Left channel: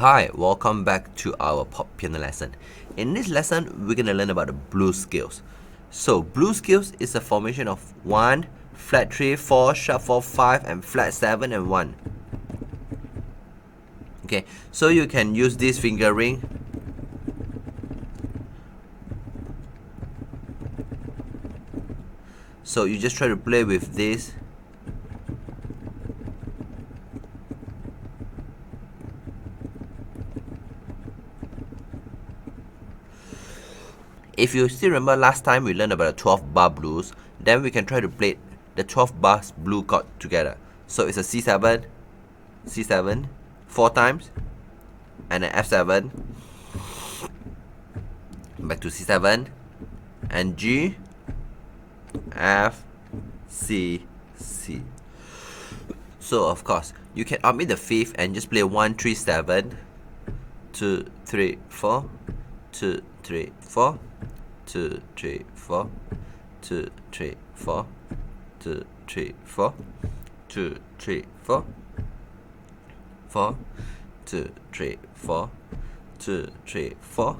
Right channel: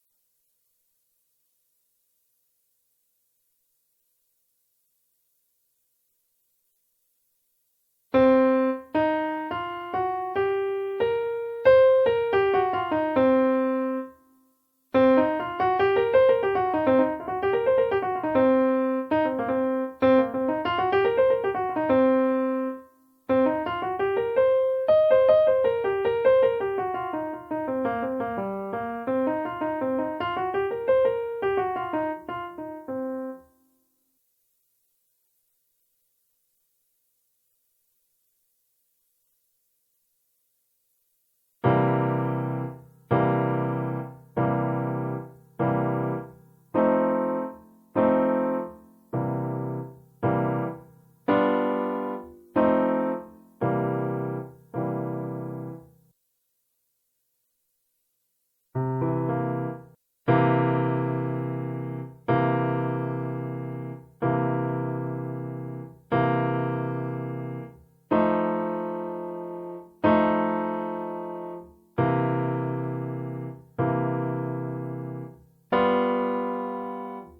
Hi, welcome back to our pop piano lesson. In this lesson, we're gonna learn about the blues scales. So, blues scales is a formation of 1, flat 3, 4, sharp 4, 5, and flat 7 and 1. Okay, so you can use this fingering. So you just try to play with this. If you still remember last time we learned about the 12 bar blues, then we can try to play the 12 bars blue chord together. So it's a C7, C7, 4 times, and an F7, back to C7, and G, F, C, C. So of course, you can omit the fifth and just play 1, 3, 7, 2, 3, 4, 2, 3, 4, 2, 3, 4, 2, 3, 4, 2, 3, 4, 2, 3, 4, 4, 2, 3, 4, 2, 3, 4,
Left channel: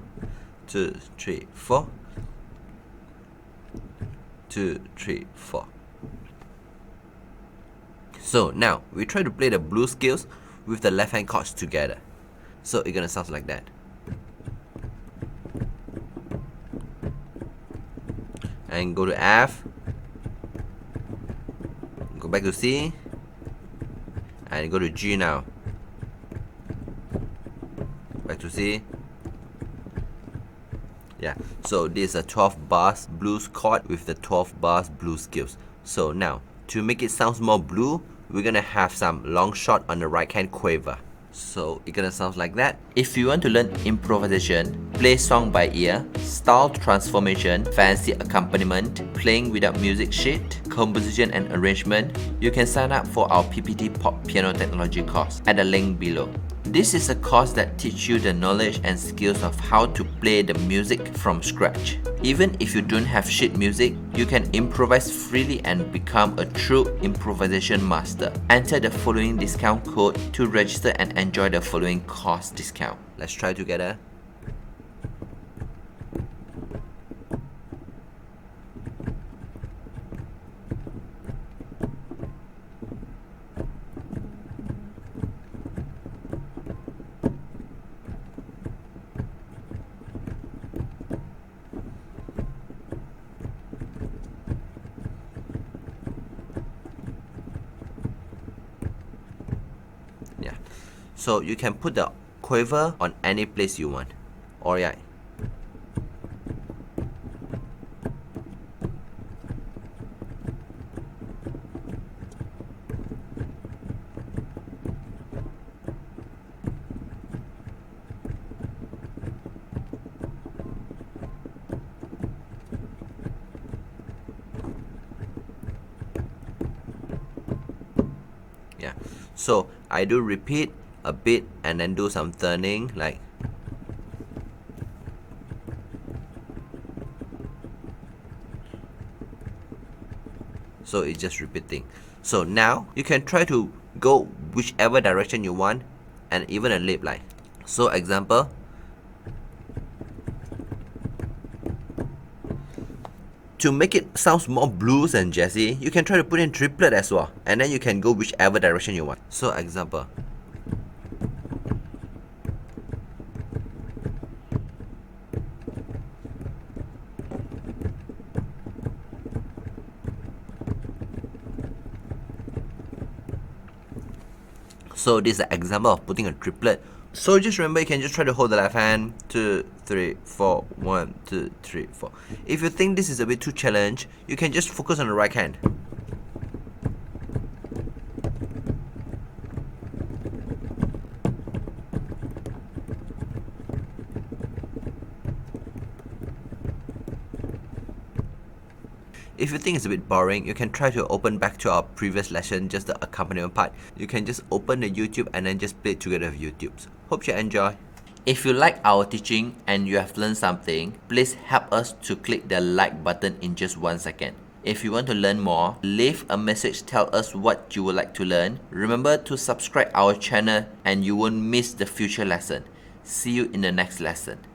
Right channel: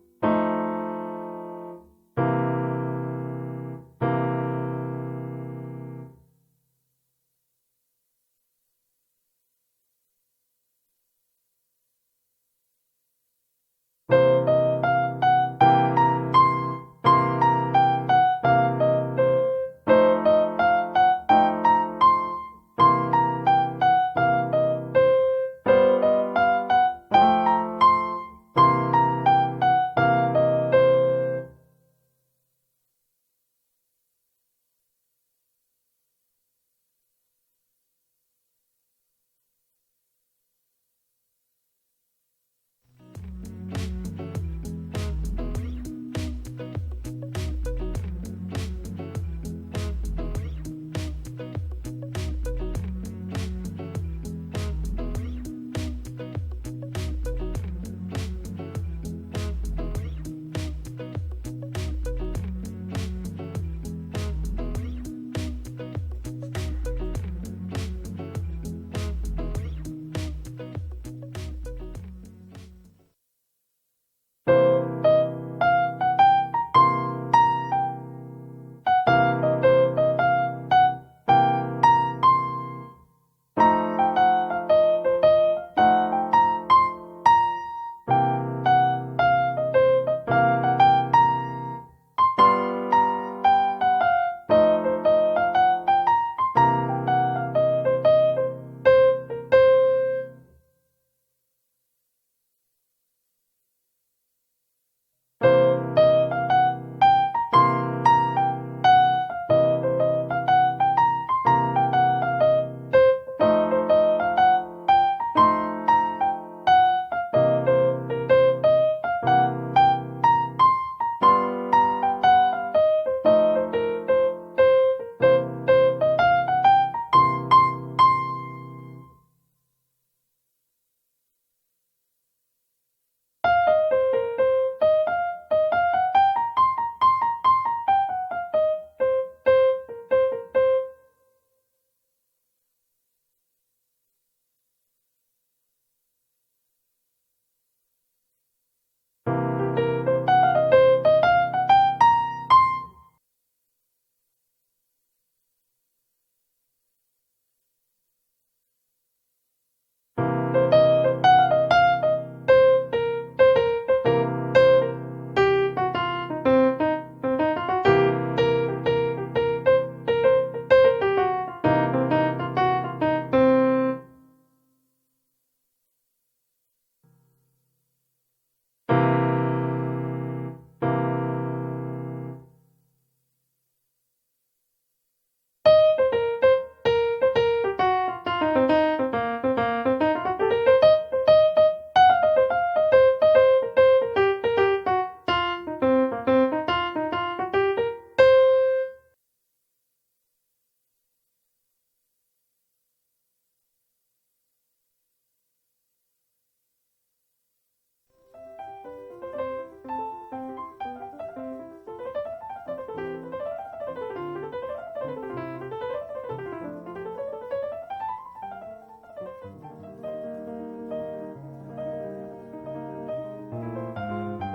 2, 3, 4, 2, 3, 4. So now we try to play the blues scales with the left hand chords together. So it's gonna sound like that. And go to F, go back to C, and go to G now. Back to C. Yeah, so this is a 12 bars blues chord with the 12 bars blues scales. So now, to make it sound more blue, we're gonna have some long shot on the right hand quaver. So it's gonna sound like that. If you want to learn improvisation, play song by ear, style transformation, fancy accompaniment, playing without music sheet, composition and arrangement, you can sign up for our PPT Pop Piano Technology course at the link below. This is a course that teaches you the knowledge and skills of how to play the music from scratch. Even if you don't have sheet music, you can improvise freely and become a true improvisation master. Enter the following discount code to register and enjoy the following course discount. Let's try together. So you can put the quaver on any place you want. Alright. Yeah. So I do repeat a bit and then do some turning like. So it's just repeating. So now you can try to go whichever direction you want and even a lip line. So example, to make it sound more blues and jazzy, you can try to put in triplet as well, and then you can go whichever direction you want. So example, so this is an example of putting a triplet. So just remember, you can just try to hold the left hand, 2, 3, 4, 1, 2, 3, 4. If you think this is a bit too challenging, you can just focus on the right hand. If you think it's a bit boring, you can try to open back to our previous lesson, just the accompaniment part. You can just open the YouTube and then just play it together with YouTube. Hope you enjoy. If you like our teaching and you have learned something, please help us to click the like button in just 1 second. If you want to learn more, leave a message, tell us what you would like to learn. Remember to subscribe our channel and you won't miss the future lesson. See you in the next lesson.